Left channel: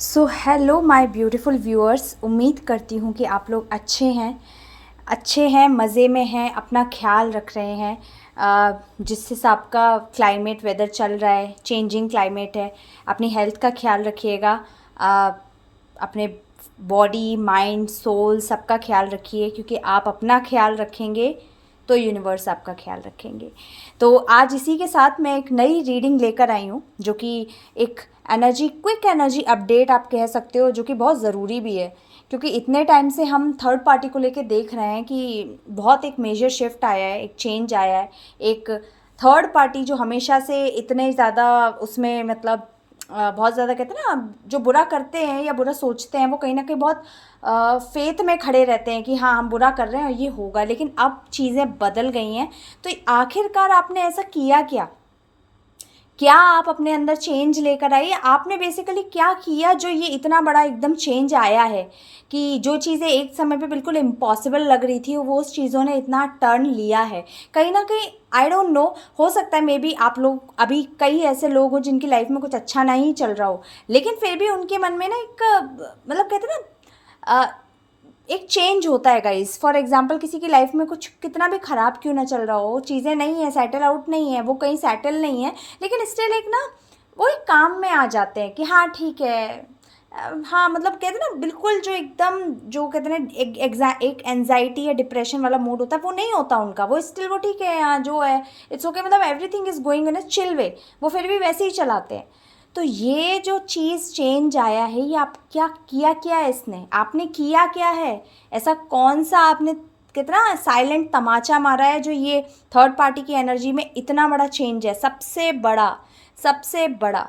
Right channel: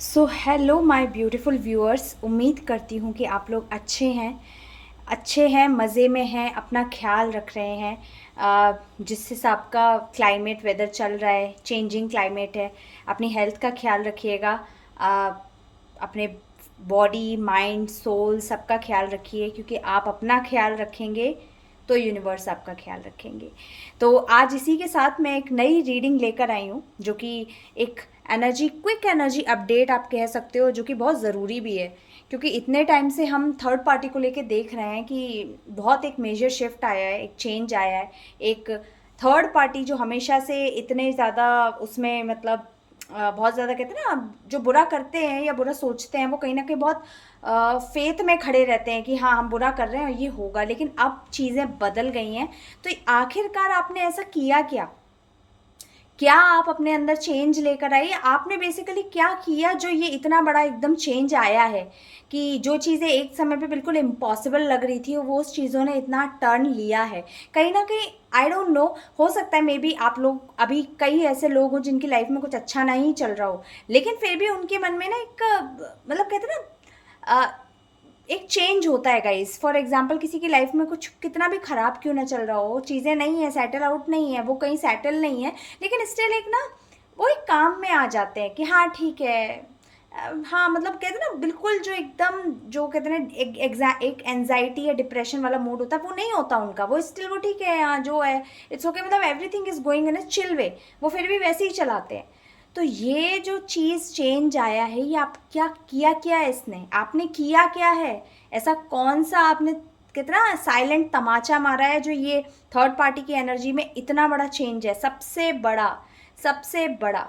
So hello my beautiful viewers, उम्मीद करती हूँ कि आप लोग अच्छे हैं, मज़े में हैं, अपना ख्याल रख रहे हैं। जिस हिसाब का क्लाइमेट वेदर चल रहा है, चेंजिंग क्लाइमेट है, अपनी हेल्थ का ख्याल रखिएगा। अ, अपने बॉडी माइंड सोल सबका ख्याल रखिए, क्योंकि आप अपना ख्याल रखेंगे तो यूनिवर्स आपका ख्याल रखेंगे। तो आज इसी के साथ मैं एक नई रीडिंग लेकर आई हूँ, जो कि एक क्विक एनर्जी अपडेट आप कह सकते हो, जो कि बहुत ज़रूरी भी है। क्योंकि इतने टाइम से हम थर्ड पार्टी को लेके देख रहे हैं कि बहुत एक मेजर शिफ्ट आया है, एक चेंज आया है। एक थर्ड पार्टी जो हमेशा से इतने ज़्यादा उसमें मतलब बहुत ज़्यादा कहते हैं ना, जो बुरा करते हैं या बुरा सोचते हैं, वो कहीं ना कहीं बहुत फेथ में खड़े रहते हैं कि हाँ हम बुरा कर रहे हैं और ये होगा। लेकिन अब चीज़ें बदल गई हैं। तो आखिरकार आपने ऐसा किया क्या? क्या आप अपने अंदर चेंज लेकर आइए? आपने बेसिकली क्या किया जो ये इतना बड़ा एकदम चेंज आया है कि जो चीज़ें एक समय पे बिल्कुल इम्पॉसिबल लग रही थी, वो उस चीज़ों ने इतना टर्न लिया है कहीं ना कहीं। आई डोंट नो, हो सकता है मे बी आप लोग अभी कई ऐसे लोग हो जिनकी लाइफ में कुछ अच्छा नहीं चल रहा हो, लेकिन फिर भी उनके मन में ना एक मतलब कहते हैं ना, एक चेंज होता है गाइस। फॉर एग्जाम्पल, किसी की लाइफ में कुछ कितना भी खराब क्यों ना चल रहा हो, चीज़ें नहीं है, सेटल आउट नहीं है, वो कहीं सेटल नहीं है, लेकिन स्टिल एक ना वो एक काम में आ जाते हैं कि हाँ ठीक है। हाँ मतलब कहते हैं ना, बिल्कुल जो एकदम जो कहते हैं ना एक एनजाइटी या डिप्रेशन वाला मूड होता है, वो नहीं होता उनका। वो स्टिल वो ठीक है, हाँ जो है इट्स ओके, मतलब everything is going in a chill way, वो फिर भी वैसे ही चलाते हैं। तो ये जो चीज़ चेंज आया है, ये आप क्या किया, क्या है इसने, आपने किया क्या है? ऐसा कौन सा आपने कितना साइलेंट तमाचा मारा है जो ये थर्ड पार्टी की एनर्जी में इतना बड़ा चेंज है? सबसे बड़ा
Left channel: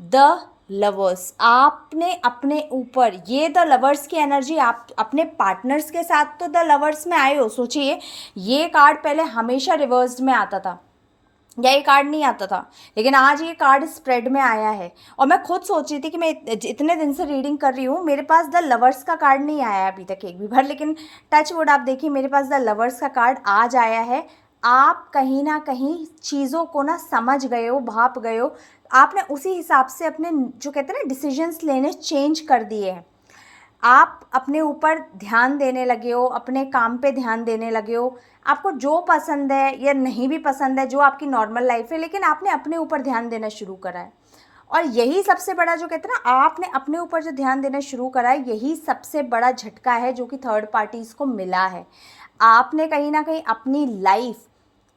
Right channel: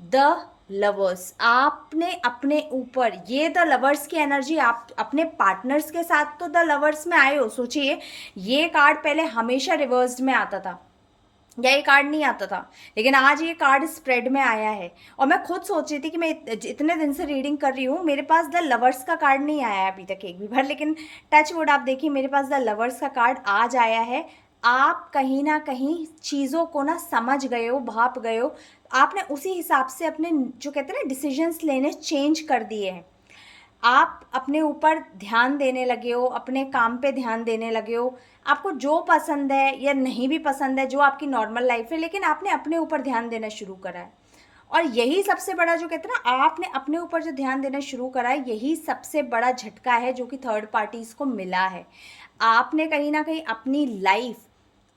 द लवर्स। आपने अपने ऊपर ये द लवर्स की एनर्जी आप अपने पार्टनर्स के साथ तो द लवर्स में आए हो। सोचिए, ये कार्ड पहले हमेशा रिवर्स्ड में आता था या ये कार्ड नहीं आता था, लेकिन आज ये कार्ड स्प्रेड में आया है। और मैं खुद सोच रही थी कि मैं इतने दिन से रीडिंग कर रही हूँ, मेरे पास द लवर्स का कार्ड नहीं आया है अभी तक एक भी बार, लेकिन टच वुड आप देखिए, मेरे पास द लवर्स का कार्ड आज आया है। आप कहीं ना कहीं चीज़ों को ना समझ गए हो, भाप गए हो। आपने उसी हिसाब से अपने जो कहते हैं ना डिसीजंस लेने चेंज कर दिए हैं। आप अपने ऊपर ध्यान देने लगे हो, अपने काम पे ध्यान देने लगे हो। आपको जो पसंद है या नहीं भी पसंद है, जो आपकी नॉर्मल लाइफ है, लेकिन आपने अपने ऊपर ध्यान देना शुरू करा है। और यही सबसे बड़ा जो कहते हैं ना, आपने अपने ऊपर जो ध्यान देना शुरू करा है, यही सबसे बड़ा झटका है जो कि थर्ड पार्टीज को मिला है। आपने कहीं ना कहीं अपनी लाइफ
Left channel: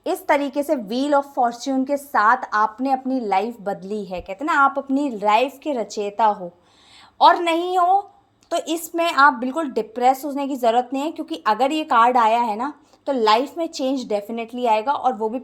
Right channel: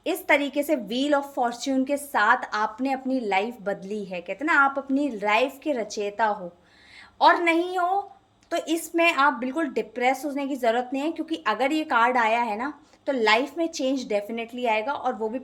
इस तरीके से व्हील ऑफ फॉर्च्यून के साथ आपने अपनी लाइफ बदली है। कहते हैं ना, आप अपनी लाइफ के रचयिता हो। और नहीं हो तो इसमें आप बिल्कुल डिप्रेस होने की ज़रूरत नहीं है, क्योंकि अगर ये कार्ड आया है ना, तो लाइफ में चेंज डेफिनेटली आएगा, और वो भी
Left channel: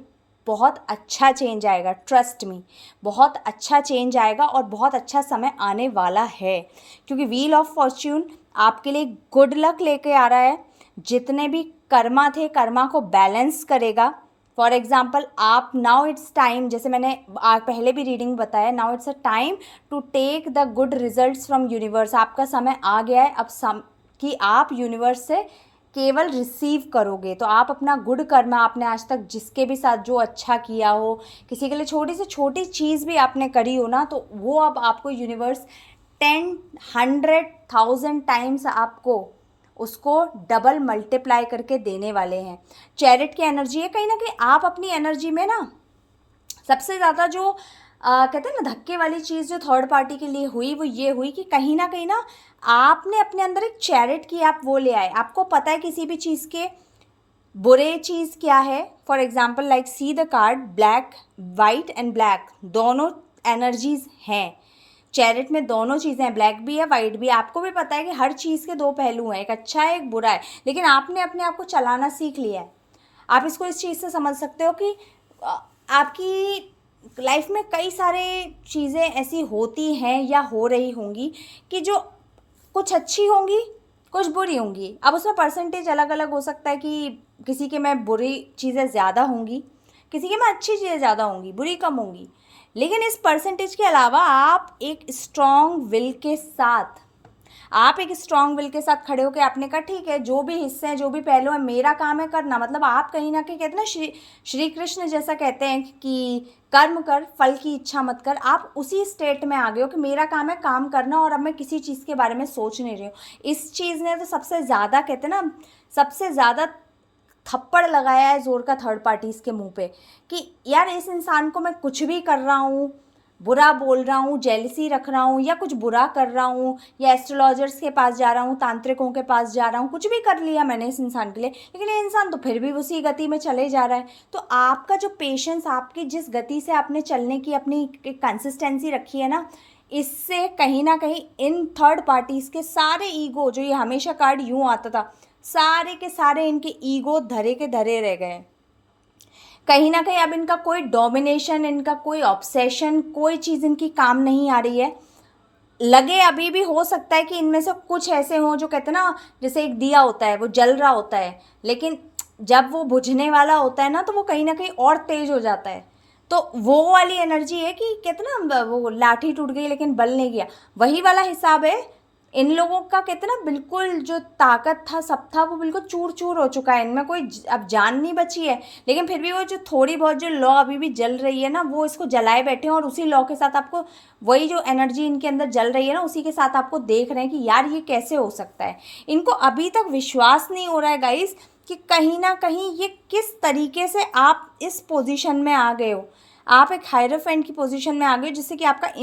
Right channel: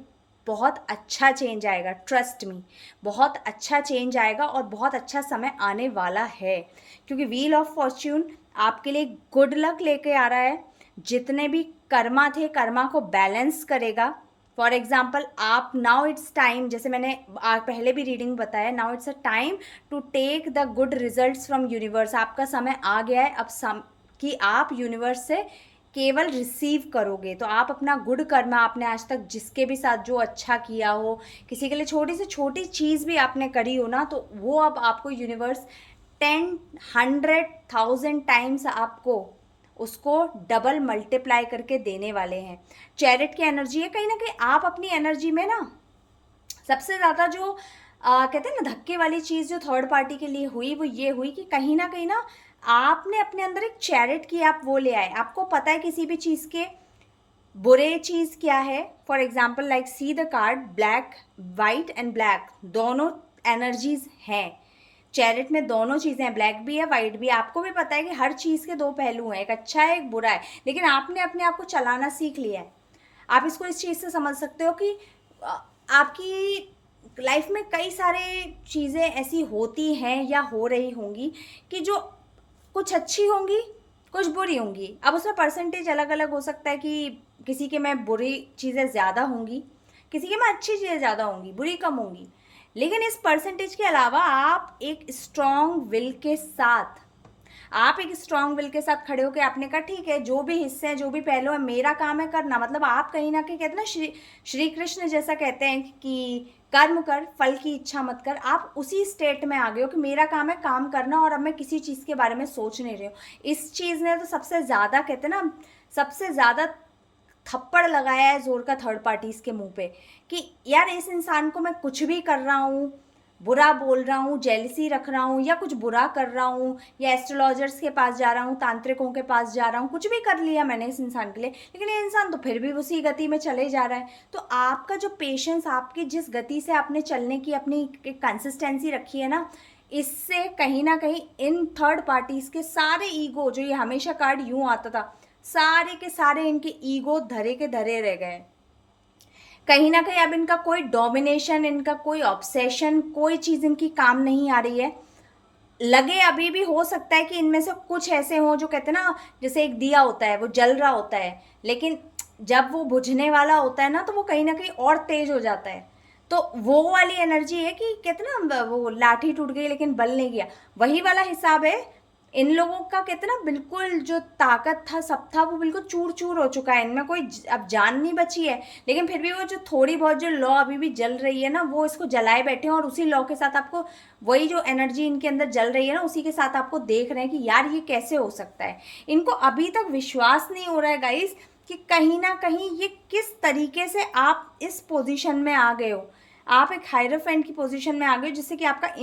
बहुत अच्छा चेंज आएगा। ट्रस्ट मी, बहुत अच्छा चेंज आएगा और बहुत अच्छा समय आने वाला है। क्योंकि व्हील ऑफ फॉर्च्यून आपके लिए गुड लक लेके आ रहा है। जितने भी कर्मा थे, कर्मा को बैलेंस करेगा। फॉर एग्जाम्पल, आप नाउ इट्स टाइम, जैसे मैंने पहले भी रीडिंग बताया, now it's a time to take the good results from universe. आपका समय आ गया है अब कि आप यूनिवर्स से केवल रिसीव करोगे। तो आप अपना गुड कर्मा, आपने आज तक जिसके भी साथ जो अच्छा किया हो, किसी के लिए छोटी से छोटी चीज़ भी आपने करी हो ना, तो वो अब आपको यूनिवर्स 10, 100, 1000 टाइम्स आपको उसको डबल मल्टीप्लाई करके देने वाले हैं। चैरिट की एनर्जी है, कहीं ना कहीं आप अपनी एनर्जी में ना सबसे ज़्यादा जो कहते हैं ना धक्के वाली चीज़ जो थर्ड पार्टी के लिए हुई, वो ये हुई कि कहीं ना आपने अपने अंदर एक चैरिट की आप वो ले आए। आपको पता है किसी भी चीज़ के बुरे चीज़ क्या है। For example, like see the card black, white and black, दोनों एनर्जीज हैं। चैरिट में दोनों चीज़ें हैं, ब्लैक भी है, वाइट भी है। आपको भी पता है कि हर चीज़ के दो पहलू हैं, एक अच्छा है एक बुरा है, लेकिन आपने अपने आप को चलाना सीख लिया है। आप इसको इस चीज़ से समझ सकते हो कि आपकी लाइफ में कई सारे चीज़ें ऐसी होती हैं या हो रही होंगी कि जो कुछ अच्छी होंगी, कुछ बुरी होंगी। अब उसमें परसेंटेज अलग अलग हो सकता है कि किसी के में बुरी चीज़ें ज़्यादा होंगी, किसी के में अच्छी चीज़ें ज़्यादा होंगी, बुरी कम होंगी। लेकिन इस परसेंटेज के अलावा आप एक स्ट्रांग विल के साथ खड़े होकर आपने कहा ठीक है, जो भी हिस्से हैं, जो भी पहलू है, मेरा काम है करना। मतलब आप कहीं ना कहीं कहते हैं ना, श्री कृष्ण जैसा कहते हैं कि कर्म कर, फल की इच्छा मत कर। आप उसी स्टेट में आ गए हो कि मेरा काम है काम करना और अब मैं किसी चीज़ के बारे में सोच नहीं रही हूँ। इस चीज़ ने तो सबसे ज़्यादा, कहते हैं ना, सबसे ज़्यादा थप्पड़ लगाया है ज़ोर का थर्ड पार्टीज़ के मुंह पे कि यार इस इंसान को मैं कुछ भी कर रहा हूँ, बुरा बोल रहा हूँ, जेलसी रख रहा हूँ, या कुछ बुरा कर रहा हूँ, या एस्ट्रोलॉजर्स के पास जा रहा हूँ, तांत्रिकों के पास जा रहा हूँ, कुछ भी कर लिया मैंने इस इंसान के लिए, लेकिन ये इंसान तो फिर भी उसी गति में चले जा रहा है। तो आपका जो पेशेंस, आपकी जिस गति से आपने चलने की अपनी कंसिस्टेंसी रखी है ना, इससे कहीं ना कहीं इन थर्ड पार्टीज़ के सारे ईगो, जो ये हमेशा कार्ड यूँ आता था, सारे के सारे इनके ईगो धरे के धरे रह गए। कहीं ना कहीं अब इनका कोई डोमिनेशन, इनका कोई ऑब्सेशन, कोई चीज़ इनकी काम नहीं आ रही है। लगे अभी भी हो सकता है कि इनमें से कुछ ऐसे हों जो कहते हैं ना, जैसे एक दिया होता है वो जल रहा होता है, लेकिन जब वो बुझने वाला होता है ना तो वो कहीं ना कहीं और तेज हो जाता है। तो वो वाली एनर्जी है कि कहते ना, वो लाठी टूट गई लेकिन बल नहीं गया, वही वाला हिसाब है। इन लोगों का कहते ना, बिल्कुल जो ताकत था सब था वो बिल्कुल चूर चूर हो चुका है, इनमें कोई अब जान नहीं बची है। लेकिन फिर भी वो जो थोड़ी बहुत जो लॉ अभी भी जल रही है ना, वो इसको जलाए बैठे हैं, और उसी लॉ के साथ आपको वही जो एनर्जी इनके अंदर जल रही है ना, उसी के साथ आपको देख रहे हैं कि यार ये कैसे हो सकता है। इनको अभी तक विश्वास नहीं हो रहा है गाइस कि कहीं ना कहीं ये किस तरीके से आप इस पोजीशन में आ गए हो। आप एक हायरफेंट की पोजीशन में आ गए हो, जिससे कि आपका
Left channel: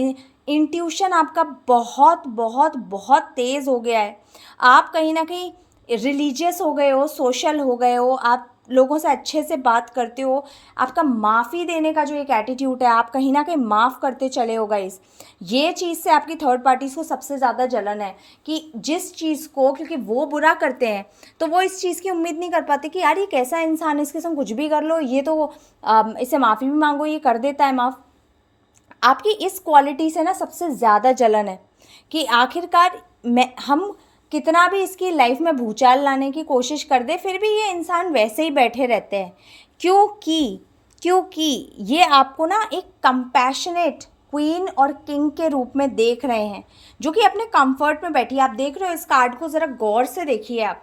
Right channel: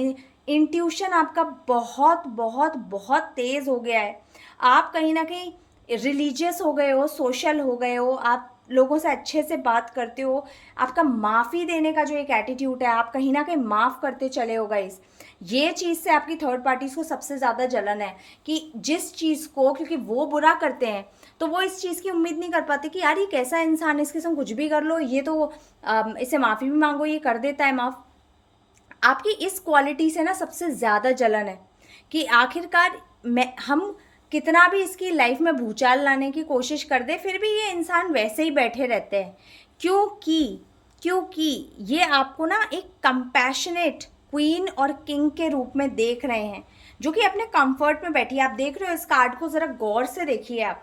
इंट्यूशन आपका बहुत बहुत बहुत तेज़ हो गया है। आप कहीं ना कहीं रिलीजियस हो गए हो, सोशल हो गए हो, आप लोगों से अच्छे से बात करते हो। आपका माफ़ी देने का जो एक एटीट्यूड है, आप कहीं ना कहीं माफ़ करते चले हो गाइस। ये चीज़ से आपकी थर्ड पार्टीज़ को सबसे ज़्यादा जलन है कि जिस चीज़ को, क्योंकि वो बुरा करते हैं तो वो इस चीज़ की उम्मीद नहीं कर पाते कि यार ये कैसा इंसान है, इसके संग कुछ भी कर लो, ये तो इसे माफ़ी भी मांगो ये कर देता है माफ़। आपकी इस क्वालिटी से ना सबसे ज़्यादा जलन है कि आखिरकार हम कितना भी इसकी लाइफ में भूचाल लाने की कोशिश कर दे, फिर भी ये इंसान वैसे ही बैठे रहते हैं। क्योंकि ये आपको ना एक कंपैशनेट क्वीन और किंग के रूप में देख रहे हैं, जो कि अपने कंफर्ट में बैठी है। आप देख रहे हो इस कार्ड को, ज़रा गौर से देखिए आप।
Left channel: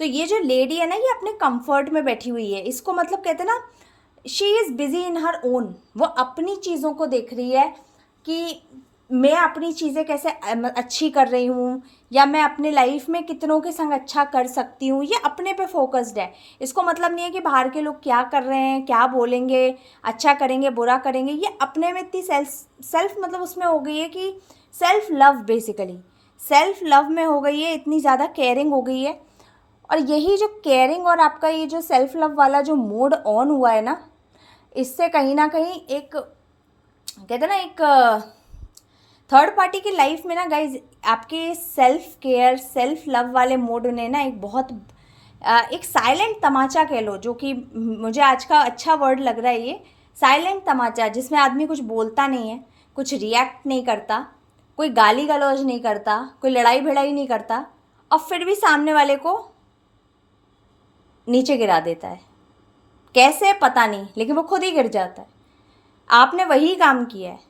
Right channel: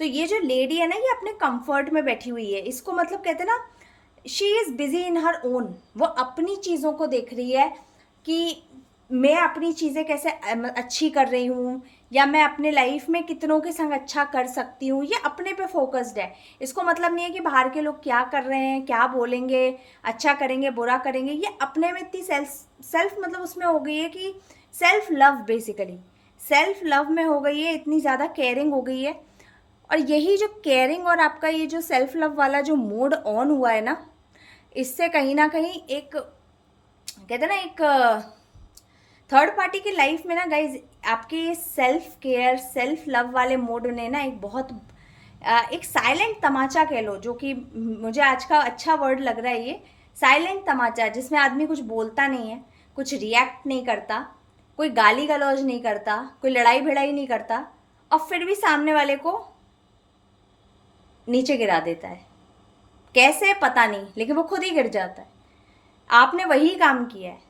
तो ये जो लेडी है ना, ये अपने कंफर्ट में बैठी हुई है। इसको मतलब कहते हैं ना, she is busy in her own. वो अपनी चीज़ों को देख रही है कि मैं अपनी चीज़ें कैसे अच्छी कर रही हूँ, या मैं अपने लाइफ में कितनों के संग अच्छा कर सकती हूँ। ये अपने पे फोकस्ड है। इसको मतलब नहीं है कि बाहर के लोग क्या कर रहे हैं, क्या बोलेंगे, अच्छा करेंगे बुरा करेंगे। ये अपने में इतनी सेल्फ मतलब उसमें हो गई है कि self love, basically self love में हो गई है, इतनी ज़्यादा केयरिंग हो गई है। और यही जो केयरिंग और आपका ये जो सेल्फ लव वाला जो मोड ऑन हुआ है ना, इससे कहीं ना कहीं एक, कहते हैं ना, एक थर्ड पार्टी की लाइफ में ना गाइज, आपके सेल्फ केयर सेल्फ लव वाले मोड ने ना एक बहुत एक साइलेंट तमाचा कह लो, जो कि मुझे आज का अच्छा वर्ड लग रहा है ये साइलेंट तमाचा, जिसमें आदमी कुछ बोलता नहीं है, कुछ रिएक्ट नहीं करता, कोई गाली गलौज नहीं करता, कोई लड़ाई भिड़ाई नहीं करता, और फिर भी सामने वाले को नीचे गिरा देता है। कैसे पता नहीं, लेकिन वो खुद ही गिर जाता है। आपने वही काम किया है,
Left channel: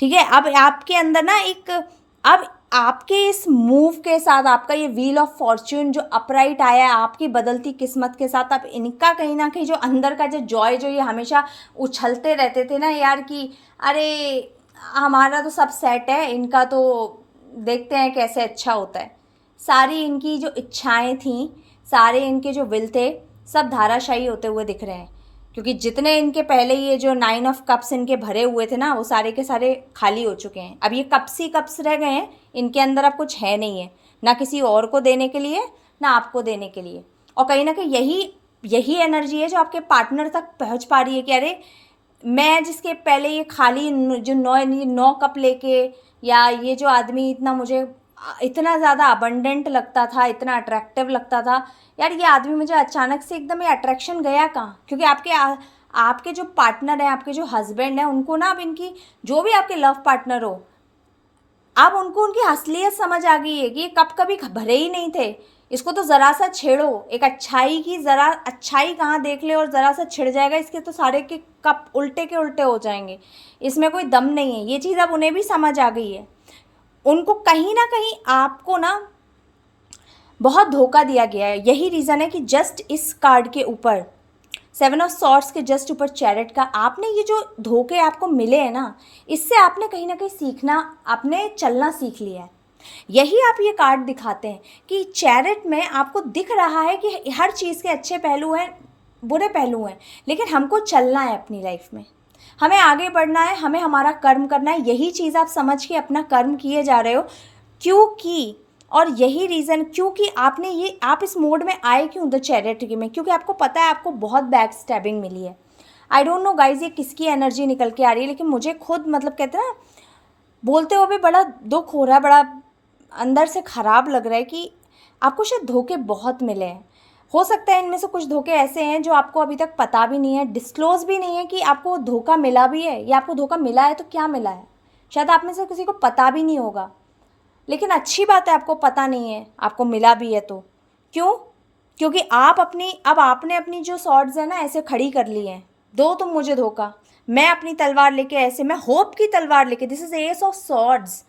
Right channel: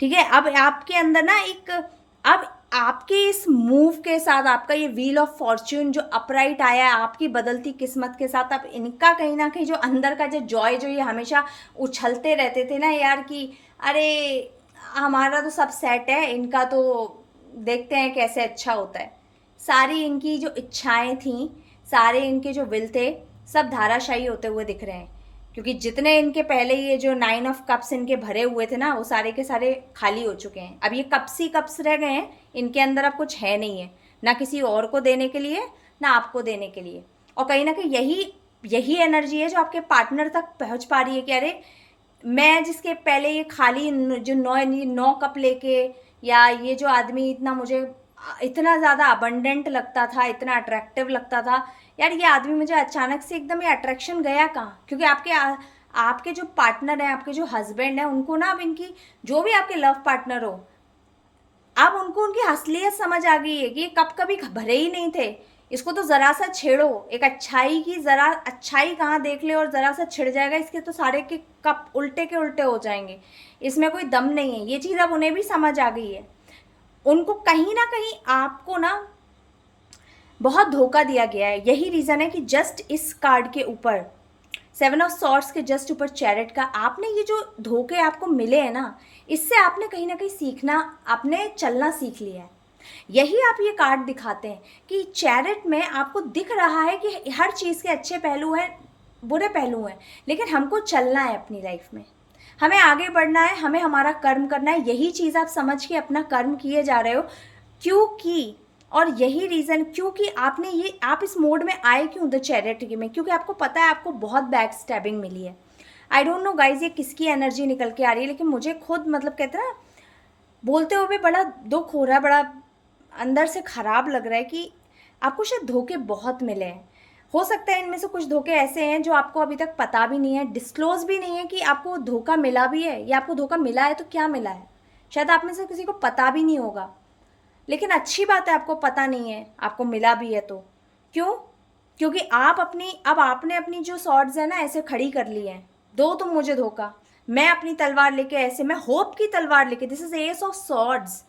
ठीक है। अब आपके अंदर ना एक, अब आपके इस मूव के साथ आपका ये व्हील ऑफ फॉर्च्यून जो अपराइट आया है आपकी बदलती किस्मत के साथ, अब इनका कहीं ना कहीं जो अंदर का जो जॉय, जो ये हमेशा उछलते रहते थे ना यार कि अरे हमारा तो सब सेट है, इनका तो देखते हैं कैसे अच्छा होता है, सारी इनकी जो इच्छाएं थी, सारे इनके जो विल थे, सब धाराशायी होते हुए दिख रहे हैं। क्योंकि जितने इनके पहले ये जो 9 ऑफ कप्स इनके भरे हुए थे ना, वो सारे के सारे खाली हो चुके हैं। अब ये कप्स ही कप्स रह गए हैं, इनके अंदर अब कुछ है नहीं है, ना किसी और को देने के लिए, ना आपको देने के लिए। और कहीं ना कहीं यही एनर्जी है जो आपके पार्टनर तक पहुंच पा रही है कि अरे मैं जिसके पहले ये खाली जो 9 कप लेके, या ये जो आदमी इतना मुझे इतना ज़्यादा अबंडेंट लगता था, इतना अट्रैक्टिव लगता था, यार ये आदमी मुझे अचानक से एकदम ये अट्रैक्शन गया कहाँ। क्योंकि आपके जो पार्टनर हैं, आपके जो हस्बैंड हैं, उनको ना अब इनकी जो भी आपके लव पार्टनर हो, अब उनको उनकी असलियत समझ आ गई है कि ये कब कभी भरे ही नहीं थे, इसको तो ज़रा सा छेड़ो, एक अच्छाई की ज़रा अच्छाई कहाँ देख ले और ज़रा सा छिड़ जाएगा, इसके तो सारे के कप उल्टे के उल्टे हो जाएंगे, इसमें कोई दम नहीं है। ये चीज़ अब उन्हें भी समझ आ गई है। उनको कहीं ना कहीं आपको ना बहुत धोखा दिया गया है। यही रीज़न है कि जस्ट इस कार्ड के ऊपर 7 ऑफ सॉर्ड्स के जस्ट ऊपर चैरिट का। आपने ये जो धोखे आपको मिले हैं ना, इससे आपने कहीं ना कहीं सीखना, आपने चलना सीख लिया है। यही आप ये कार्ड दिखाते हैं कि चैरिट में आपको दिख रहा है कि हर चीज़ के अच्छे पहलू हैं, बुरे पहलू हैं, लेकिन हमको चलना है अपनी लाइफ में, हमें आगे बढ़ना है, हमें हमारा कर्म करना है। यही चीज़ आप समझ के अपना कर्म किए जा रहे हो, क्योंकि और यही रीज़न क्योंकि आपने ये, आप इस मोड में आए क्यों द चैरिटी में, क्योंकि आपको पता है आपको बहुत बैक स्टैबिंग मिली है। आई डोंट नो गाइज ये किसकी एनर्जी निकल के आ रही है, लेकिन मुझे खुद मतलब कहते हैं ना, बोलते हुए भी बड़ा दुख हो रहा है, बड़ा अंदर से ख़राब लग रहा है कि आपको शायद धोखे बहुत मिले हैं। हो सकता है इनमें से कुछ धोखे ऐसे हैं जो आपको अभी तक पता भी नहीं है, डिस्क्लोज भी नहीं है कि आपको धोखा मिला भी है, या आपको धोखा मिला है तो क्या मिला है। शायद आप में से किसी को पता भी नहीं होगा, लेकिन अच्छी बात है आपको पता नहीं है, आपको मिला भी है तो क्यों? क्योंकि आप अपनी, अब आपने अपनी जो सॉर्ड्स है ना ऐसे खड़ी कर ली हैं, दो तुम मुझे धोखा, मैं अपनी तलवार लेके ऐसे, मैं होप की तलवार लेके, this is S of swords,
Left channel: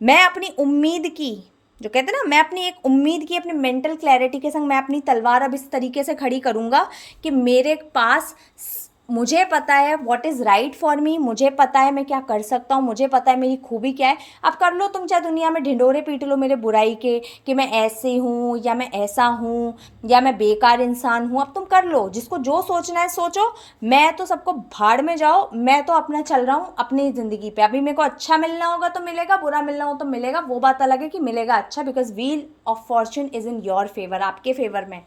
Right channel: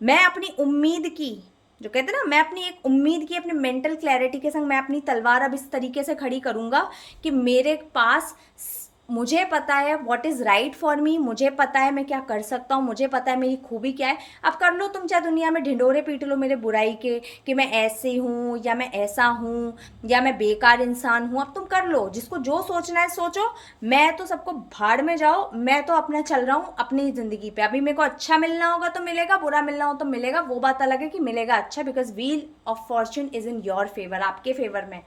मैं अपनी उम्मीद की, जो कहते हैं ना, मैं अपनी एक उम्मीद की, अपनी मेंटल क्लैरिटी के संग मैं अपनी तलवार अब इस तरीके से खड़ी करूँगा कि मेरे पास, मुझे पता है what is right for me, मुझे पता है मैं क्या कर सकता हूँ, मुझे पता है मेरी खूबी क्या है। अब कर लो तुम चाहे दुनिया में ढिंढोरे पीट लो मेरे बुराई के कि मैं ऐसे हूँ या मैं ऐसा हूँ या मैं बेकार इंसान हूँ, अब तुम कर लो, जिसको जो सोचना है सोचो, मैं तो सबको भाड़ में जाओ, मैं तो अपना चल रहा हूँ अपनी ज़िंदगी पे। अभी मेरे को अच्छा मिलना होगा तो मिलेगा, बुरा मिलना हो तो मिलेगा, वो बात अलग है कि मिलेगा अच्छा, because wheel of Fortune is in your favour, आपके फेवर में,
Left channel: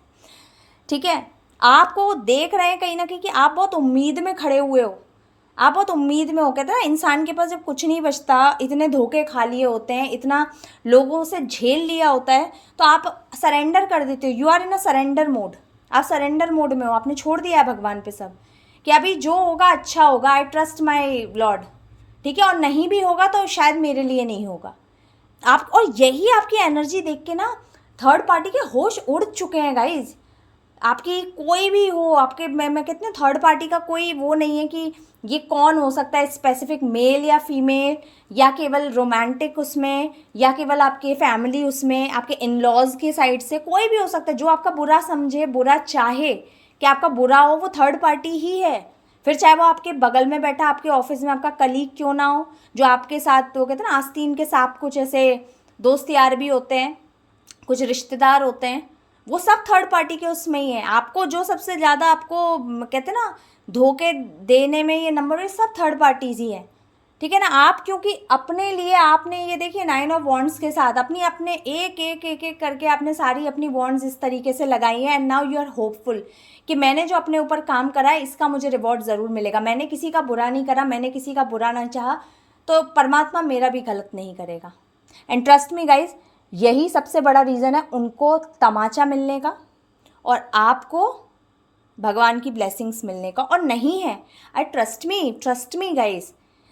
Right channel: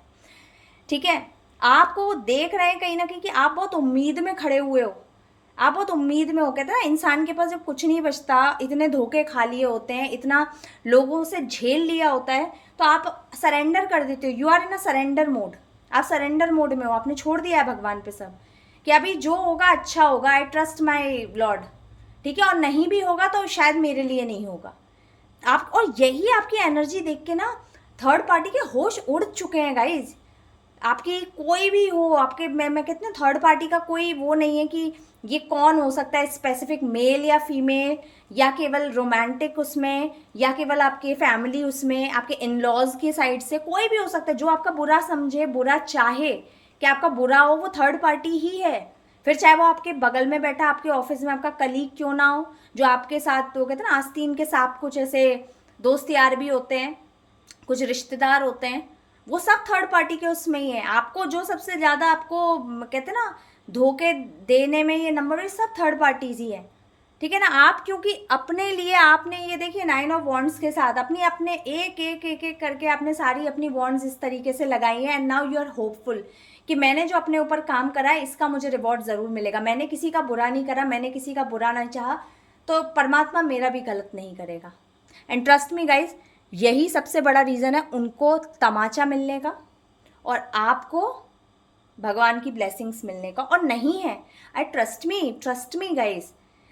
ठीक है। आपको वो देख रहे हैं कहीं ना कहीं कि आप बहुत उम्मीद में खड़े हुए हो, आप बहुत उम्मीद में हो। कहते हैं ना, इंसान के पास जब कुछ नहीं बचता, इतने धोखे खा लिए होते हैं, इतना लोगों से झेल लिया होता है, तो आप सरेंडर कर देते हो, you are in a surrender mode, आप सरेंडर मोड में हो, आपने छोड़ दिया है भगवान पे सब कि अभी जो होगा अच्छा होगा, आई ट्रस्ट माई लॉर्ड, ठीक है, और नहीं भी होगा तो शायद मेरे लिए नहीं होगा आप। और यही आपकी एनर्जी देख के ना थर्ड पार्टी के होश उड़ चुके हैं गाइज। आपकी कोई भी हो, आपके, मैं कहती हूँ थर्ड पार्टी का कोई वो नहीं है कि ये कौन हो सकता है, स्पेसिफिक मेल या फीमेल, या केवल रोमांटिक उसमें, या केवल आपके फैमिली उसमें, आपके इन लॉज की साइड से कोई भी हो सकता है जो आपका बुरा समझे, बुरा चाहे कि आपका बुरा हो, वो थर्ड पार्टी ही है। फिर चाहे वो आपके बगल में बैठा आपके ऑफिस में आपका कलीग क्यों ना हो, जो आपके साथ, तो कहते हैं ना आस्तीन के साथ कुछ ऐसे दोस्त यार भी होते हैं, कुछ रिश्तेदार होते हैं, वो सब थर्ड पार्टी के उसमें ही है। आपको जो सबसे ज़्यादा आपको कहते हैं ना धोखे देने में ये नंबर, सब थर्ड पार्टीज ही है, ठीक है ना। आप क्योंकि अपने लिए आपने ये देखिए 9 ऑफ वॉन्ड्स के साथ अपनी अपने एक एक एक एक करके आपने सारी अपनी वॉन्ड्स इस तरीके से लगाई है, and now you are hopeful कि मैंने जो अपने ऊपर काम करा है इसका मुझे रिवॉर्ड ज़रूर मिलेगा, मैंने किसी का बुरा नहीं करा, मैंने किसी का बुरा नहीं चाहा, तो परमात्मा मेरा भी गलत नहीं करेगा। एंड ट्रस्ट मी गाइज, यही सबसे बड़ा रीज़न है उनको तमाचा मिलने का और आपको भगवान की ब्लेसिंग्स मिलने का, और नहीं है, आई ट्रस्ट मी गाइज,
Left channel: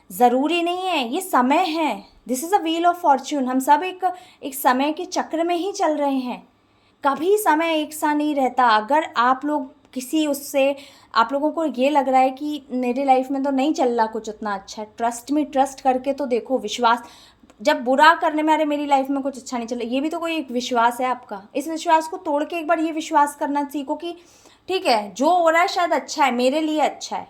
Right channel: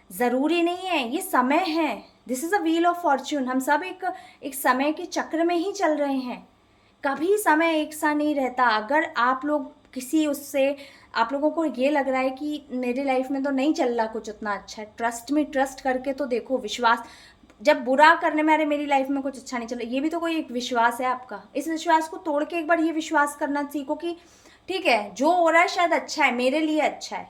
ज़रूरी नहीं है, ये समय है, this is a wheel of Fortune, हम सब एक समय के चक्र में ही चल रहे हैं, कभी समय एक सा नहीं रहता। अगर आप लोग किसी उससे, आप लोगों को ये लग रहा है कि मेरी लाइफ में तो नहीं चल रहा कुछ उतना अच्छा, ट्रस्ट मी, ट्रस्ट करके तो देखो, विश्वास, जब बुरा करने में, अरे मेरी लाइफ में कुछ अच्छा नहीं चल रहा, ये भी तो कोई एक विश्वास है आपका, इस विश्वास को तोड़ के एक बार ये विश्वास करना सीखो कि ठीक है जो हो रहा है शायद अच्छा है, मेरे लिए अच्छा है,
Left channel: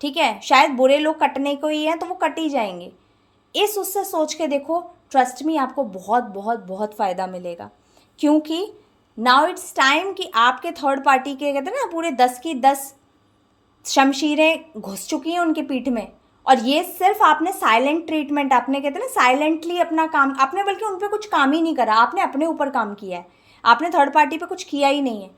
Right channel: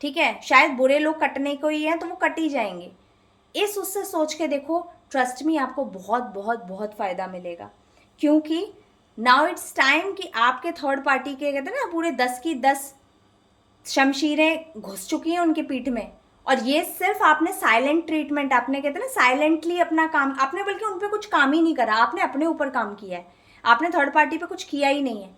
ठीक है, शायद बुरे लोग कटने को ही हैं तो वो कट ही जाएंगे, इस उससे सोच के देखो, ट्रस्ट मी आपको बहुत बहुत बहुत फ़ायदा मिलेगा। क्योंकि नाउ इट्स टाइम कि आपके थर्ड पार्टी के, कहते हैं ना, पूरे 10 की 10 शमशीरें घुस चुकी हैं उनकी पीठ में, और ये सिर्फ आपने साइलेंट ट्रीटमेंट, आपने कहते हैं ना साइलेंटली अपना काम, आपने बल्कि उन पर कुछ काम ही नहीं करा, आपने अपने ऊपर काम किया है, आपने थर्ड पार्टी पे कुछ किया ही नहीं है।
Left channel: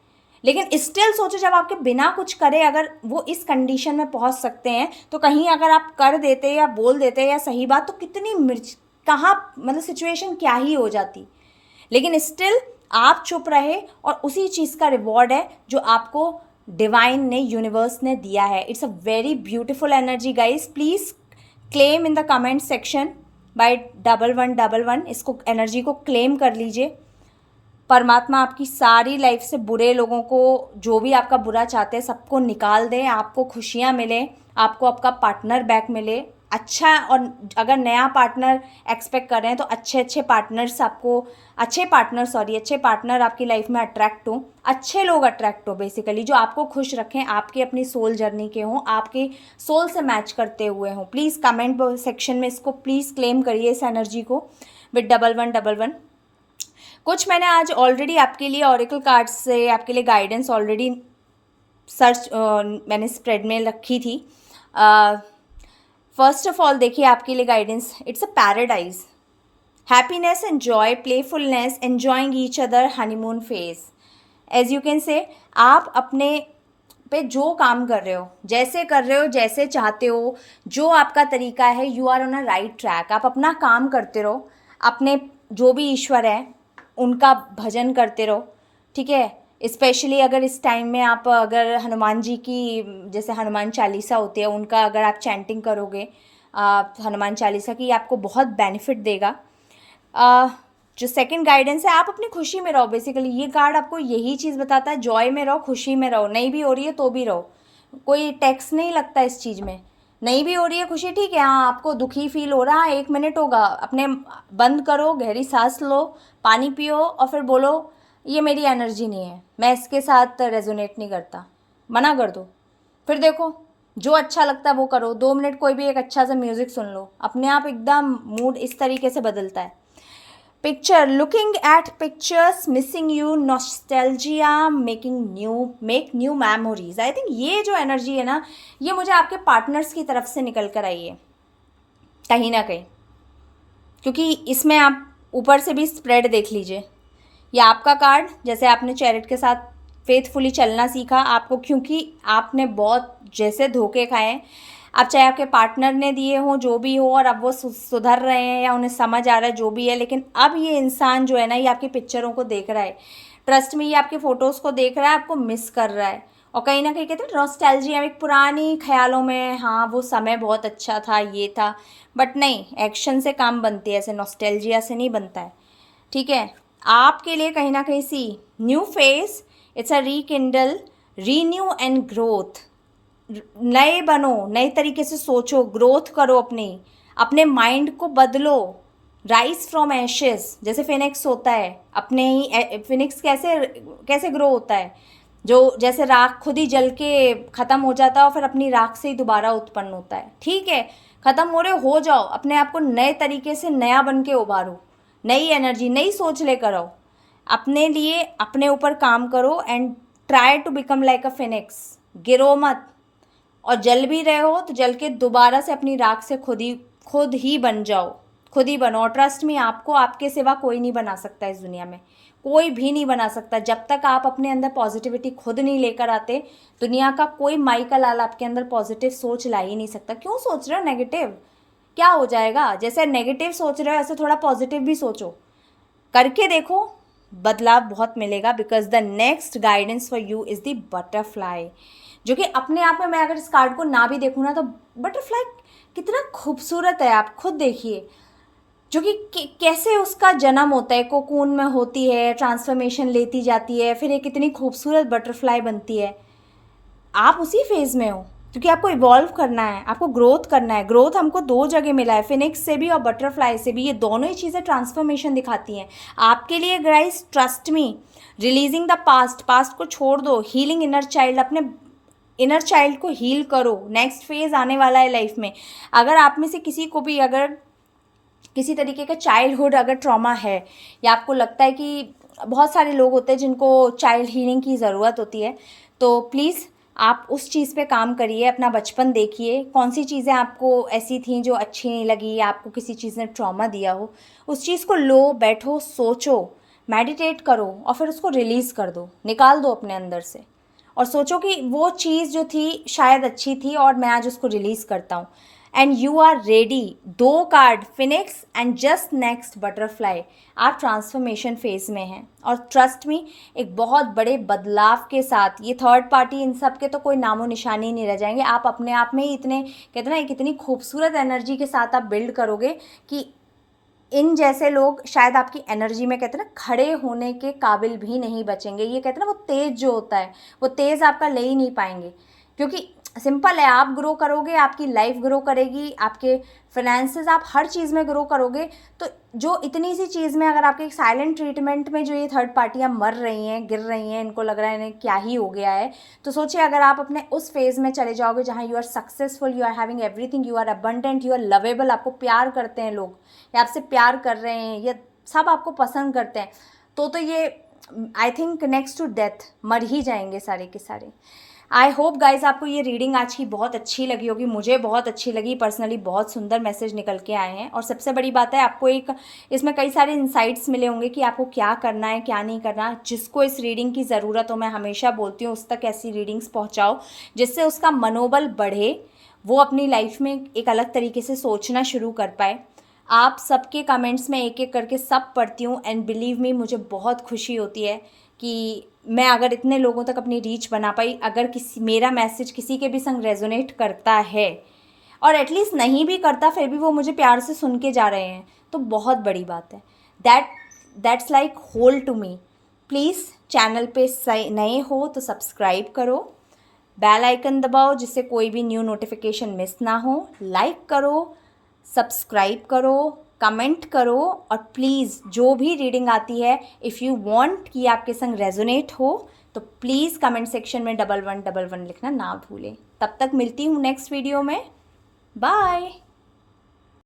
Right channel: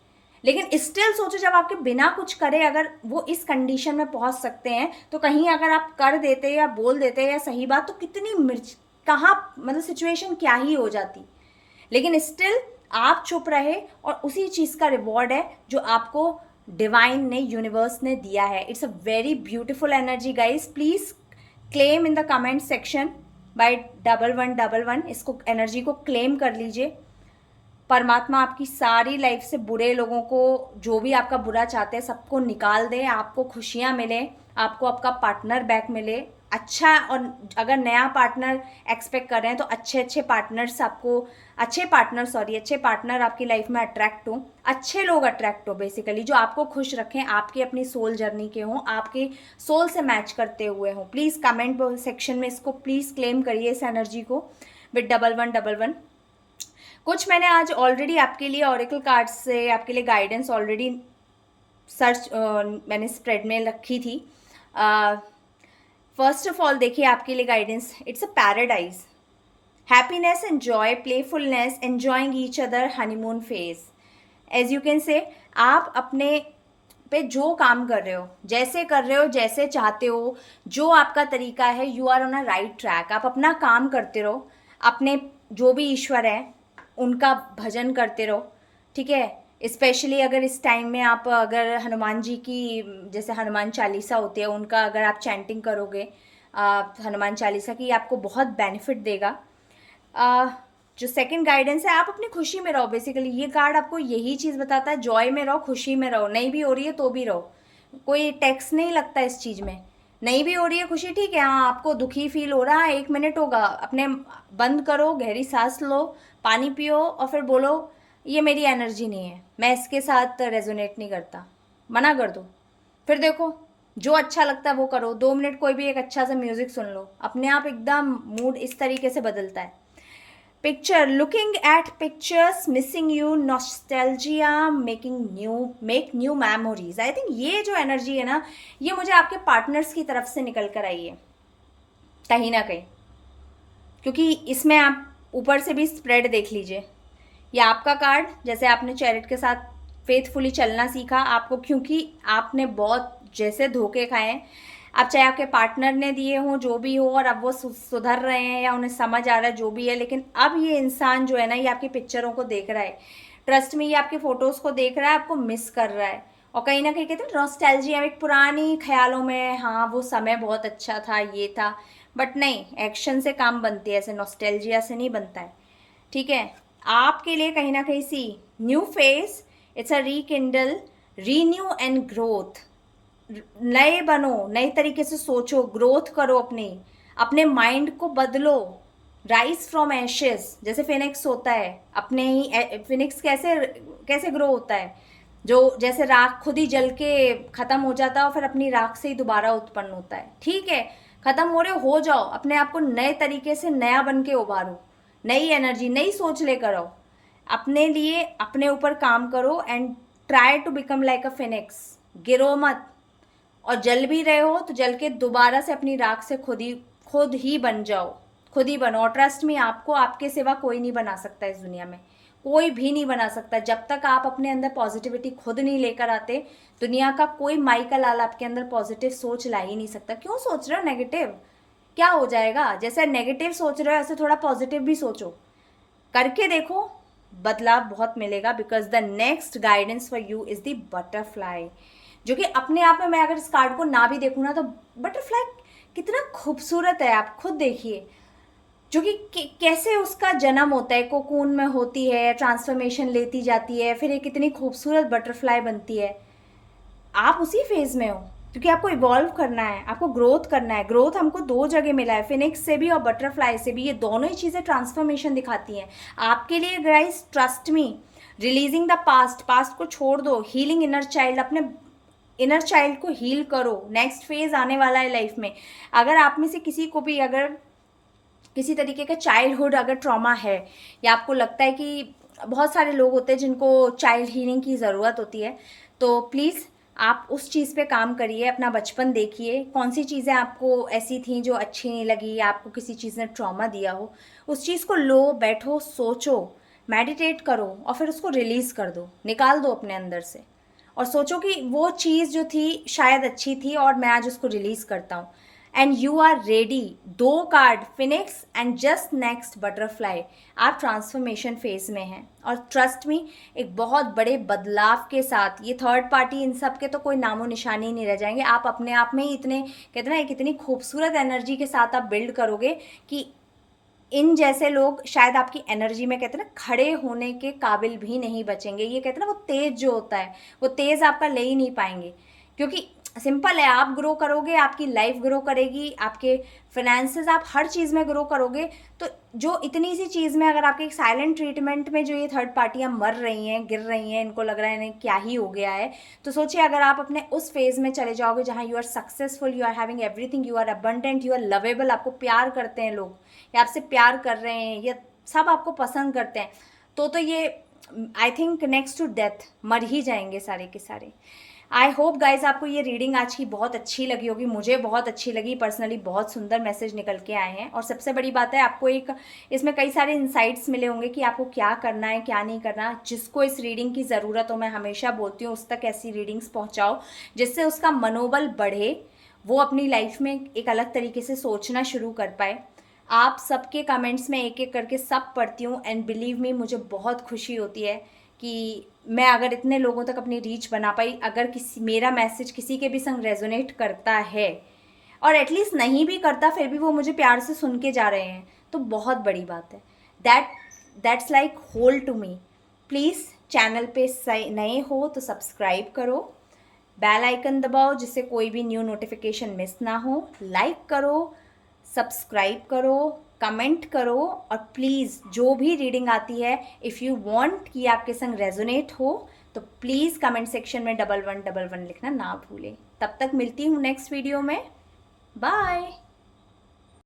लेकिन स्टिल सोचो, जब आपके बिना कुछ करे अगर वो इस कंडीशन में पहुंच सकते हैं, तो कहीं अगर आप कर देते या बोल देते या सही बात, तो कितनी मिर्च, कहाँ मतलब सिचुएशन क्या ही हो जाती। लेकिन स्टिल आप चुप रहे, और उसी चीज़ का रिवॉर्ड है जो आपको डिवाइन ने, यूनिवर्स ने दिया है। It's a very beautiful energy guys, please claim in the comment section by 1111, इसको, एनर्जी को क्लेम कर लीजिए। परमात्मा आपकी सारी लाइफ से बुरे लोगों को, जो भी आपका बुरा चाहते हैं, सबको निकाल दे, आपको खुशियाँ मिले, आपको आपका पार्टनर बैक मिले, अच्छा, और अगर नया पार्टनर एक्सपेक्ट कर रहे हैं तो अच्छे पार्टनर आपकी लाइफ में अट्रैक्ट हो, अच्छे लोग अट्रैक्ट हो बेसिकली, जो आपको खुश रखें, आपके अपनी सोल जर्नी के हों, आपके सोल से मैच करते हुए हों। प्लीज़ कमेंट सेक्शन में इसको प्लीज़ क्लेम करिए, इस एनर्जी को, विद 1111। कुछ मैंने आज ऑलरेडी आपके लिए ऑरेकल कार्ड से आपके लिए गाइडेंस ऑलरेडी सर्च मैंने स्प्रेड में रखी थी। फर्स्ट ऑफ ऑल देखिए आपके लिए guidance, it's a paradise, happiness and joy, playfulness, enjoying each other, honeymoon phase. As you can say, आप अपने पे जो काम कर रहे हो, जैसे कर रहे हो, जैसे चाहते हो, जो आपका तरीका है, you are on a right track. आप अपना काम करते रहो, अपने जो भी ईश्वर है उनका भजन करते रहो, ठीक है। स्पेशली अगर इस टाइम में आप अगर हनुमान जी की, जैसे हनुमान चालीसा होती है, उनका अगर आप चैंटिंग करोगे हनुमान चालीसा की, आपको बहुत बेनिफिट देगा। जो सेकंड गाइडेंस है, आप अपनी खुशी में रहो। बेसिकली ये कार्ड आपको यही चीज़ बताता है, जॉय में रहो, खुशी में रहो। नहीं भी हो रही है तो भी रहो, कोई टैक्स नहीं लगता इस चीज़ में। नहीं भी हो रही है खुशी, ठीक है, हाँ आपको दुखी फील हो रहा है, 1 मिनट होगा, अपने बंद करो, गहरी सांस लो, पानी पियो और फिर बोलो ये मेरी एनर्जी नहीं है, मैं इसके साथ रेजोनेट नहीं करता, मना कर दो। फिर देखो जो अच्छा लगता है वो करो। 2 मिनट कोई भी एक अच्छा सा म्यूज़िक सुन लो, अपने आप एकदम मूड इस तरीके से बदलता है। Picture, looking at pictures, missing you, nostalgia, make new memories. I think ये जो एनर्जी है ना, ये मुझे आपके पार्टनर्स की तरफ से निकल कर आई है कहीं ना कहीं, क्योंकि इसमें आप ऊपर से भी स्प्रेड देख लीजिए। ये आपका कार्ड, जैसे आपने चैरिट के साथ फेथफुली चलना सीखा, आपको क्योंकि आपने बहुत जैसे धोखे खाए हैं, अब चाहे आपके पार्टनर ने दिए हों, जो भी हो, और अब वो सुधर रहे हैं या उन्हें समझ आ रहा है जो भी है, लेकिन अब ये इंसान जो है ना, ये आपकी पिक्चरों को देख रहा है, ट्रस्ट में, ये आपकी फ़ोटोज़ को देख रहा है, आपको मिस कर रहा है, और कहीं ना कहीं कहते हैं नॉस्टैल्जिया, एक पुरानी ख्यालों में, हाँ वो समय बहुत अच्छा था, ये था, बट नहीं, एक्शन से काम बनती है, ऐसे नॉस्टैल्जिया से नहीं बनता है, ठीक है। आपके लिए कहीं ना कहीं see new face, it's a rekindle, renew and growth. नए बनो, नए तरीके से सोचो, ग्रोथ करो, अपने माइंड को बदलो, राइज फ्रॉम एशेस, जैसे फिनिक्स होता है, अपने ही फिनिक्स कैसे कैसे ग्रो होता है, जो जैसे राख खुद ही जल के ख़त्म हो जाता है और फिर अपनी राख से ही दोबारा उत्पन्न होता है, ठीक है। ख़त्म हो रहे हो जाओ, अपने आप को नए तरीके से नया बन के उभारो, नई एनर्जी, नई सोच लेकर आओ, अपने लिए अपने ऊपर काम करो, and try to become like a phoenix. गिरो मत, और जल भी रहे हो तो जल के दोबारा से अपनी राख से खुद ही बन जाओ, खुद ही बनो। और ट्रस्ट में, आपको आपके सिवा कोई नहीं बना सकता इस दुनिया में, कोई भी नहीं बना सकता। जब तक आप अपने अंदर पॉजिटिविटी खुद नहीं लेकर आते, दुनिया का कोई माई का लाल आपके अंदर पॉजिटिव सोच ला ही नहीं सकता। क्यों सोच रहे हो नेगेटिव, क्या हो जाएगा? जैसे नेगेटिव सोच रहे हो ऐसे थोड़ा पॉजिटिव भी सोचो, करके देखो, बदलाव बहुत मिलेगा। Because the next guidance for you is the butterfly, जो कि अपने आप में, मैं अगर इस कार्ड को ना भी देखूँ ना, तो बटरफ्लाई कितना खूबसूरत है, आप खुद देखिए, जो कि कैसे उसका जन्म होता है, कोकून में होती है, ट्रांसफॉर्मेशन लेती जाती है, फिर एक कितनी खूबसूरत बटरफ्लाई बनती है। आप उसी फेज में हो, क्योंकि आपको इवॉल्व करना है, आपको ग्रोथ करना है। ग्रोथ हमको 2 जगह मिला है, फिनिक्स से भी और बटरफ्लाई से भी। ये दोनों ही चीज़ें ट्रांसफॉर्मेशन दिखाती हैं आपके लिए guys. Trust me, releasing the past को छोड़ दो, हीलिंग इनर चाइल्ड, अपने इनर चाइल्ड को हील करो। नेक्स्ट फेज आने वाला है लाइफ में। अगर आप में से किसी को भी अगर किसी तरीके का चाइल्डहुड अगर ट्रॉमा है, या आपको लगता है कि बहुत सारे लोग होते हैं जिनको चाइल्ड हीलिंग की ज़रूरत होती है, तो प्लीज़ आप उस चीज़ पे काम करिए, अपना बचपन देखिए, कौन सी चीज़ें आपको ऐसी थी जो अच्छी नहीं लगी, या आपको किसी चीज़ ने ट्रॉमा दिया हो, उस चीज़ को लो, बैठो, सोचो, मेडिटेट करो, और फिर उसको रिलीज़ कर दो, निकाल दो अपने अंदर से, और सोचो कि वो चीज़ जो थी शायद अच्छी थी और मैं आज उसको रिलीज़ करता हूँ। And you are ready. 2 card, phoenix and just next butterfly. आप ट्रांसफॉर्मेशन फेज में हैं, और ट्रस्ट मी, एक बहुत बड़े बदलाव के साथ, ये थर्ड पार्टी इन सब के तो कोई नामो निशानी नहीं रह जाएंगे। आप अपने आप में ही इतने, कहते हैं ना, एक इतनी खूबसूरत एनर्जी के साथ आप बिल्ड करोगे कि इन जैसे लोग शायद आपकी एनर्जी में, कहते हैं ना, खड़े होने के काबिल भी नहीं बचेंगे। ये कहते हैं ना, वो तेज़ जो होता है, वो तेज़ आपका ले ही नहीं पाएंगे, क्योंकि सिंपल है, आप ग्रो करोगे, आपकी लाइफ ग्रो करेगी, आपके फाइनेंसेस, आप हर चीज़ में ग्रो करोगे। तो जो इतनी सी चीज़ में अगर आपके एक साइलेंट ट्रीटमेंट में जो ये थर्ड पार्टियाँ मर रही हैं, गिर रही हैं, इनको लग रहा है इन्हें क्या ही हो गया है, तो सोचिए अगर आप अपने उस फेज़ में चले जाओगे जहाँ you are successful, you are having everything, you are abundant, you are lovable, आपको प्यार करते हैं लोग, या आपसे प्यार कर रहे हैं, या सब आपको पसंद करते हैं, तो ये I think next to death मर ही जाएंगे सारे के सारे। आई होप गाइज आपको ये रीडिंग आज की बहुत अच्छी लगी होगी, मुझे बहुत अच्छी लगी पर्सनली, बहुत सुंदर मैसेज निकल के आए हैं। और सबसे बड़ी बात है, आपको एक इसमें कई सारे इंसाइट्स मिले होंगे कि आपको क्या करना है क्या नहीं करना। जिसको इस रीडिंग की ज़रूरत हो, मैं हमेशा बोलती हूँ उस तक ऐसी रीडिंग्स पहुँचाओ जिससे उसका मनोबल बढ़े, वो अपनी लाइफ में एक अलग तरीके से सोचना शुरू कर पाए। आप सबके कमेंट्स में एक एक करके सब पढ़ती हूँ, एंड बिलीव मी मुझे बहुत खुशी होती है कि मैं अगर इतने लोगों तक अपनी रीच बना पाई। अगर किसी मेरा मैसेज किसी के भी संग रेजोनेट करता है, और एटलीस्ट नहीं भी करता फिर भी वो मुझे प्यार से सुन के जा रहे हैं, तो बहुत बड़ी बात है। That's like whole to me. Please channel पे नए हो तो सब्सक्राइब करो, बेल आइकन दबाओ जिससे कोई भी न्यू नोटिफिकेशन मिस ना हो, लाइक करो, सब्सक्राइब करो, कमेंट करो, और प्लीज़ जो भी रीडिंग आती है, इफ़ यू वांट कि आपके संग रेजोनेट हो, तो प्लीज़ कमेंट सेक्शन में 1111 लिखना ना भूलें। तब तक मिलती हूँ नेक्स्ट वीडियो में। बाय।